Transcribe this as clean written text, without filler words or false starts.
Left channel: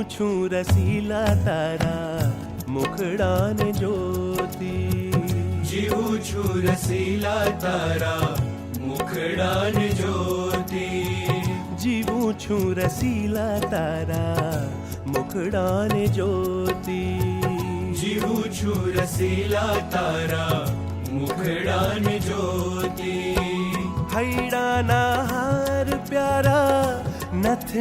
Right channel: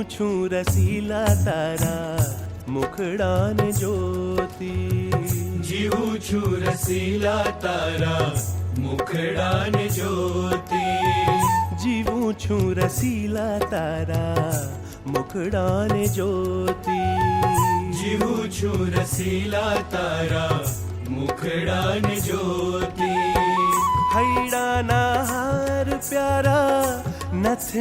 જીવું છું રસીલા તારા મુખડાને જોતી, જીવું છું રસીલા તારા મુખડાને જોતી, જીવું છું રસીલા તારા મુખડાને જોતી, જીવું છું રસીલા તારા મુખડાને જોતી. હૈડાના હાર પ્યારા નથ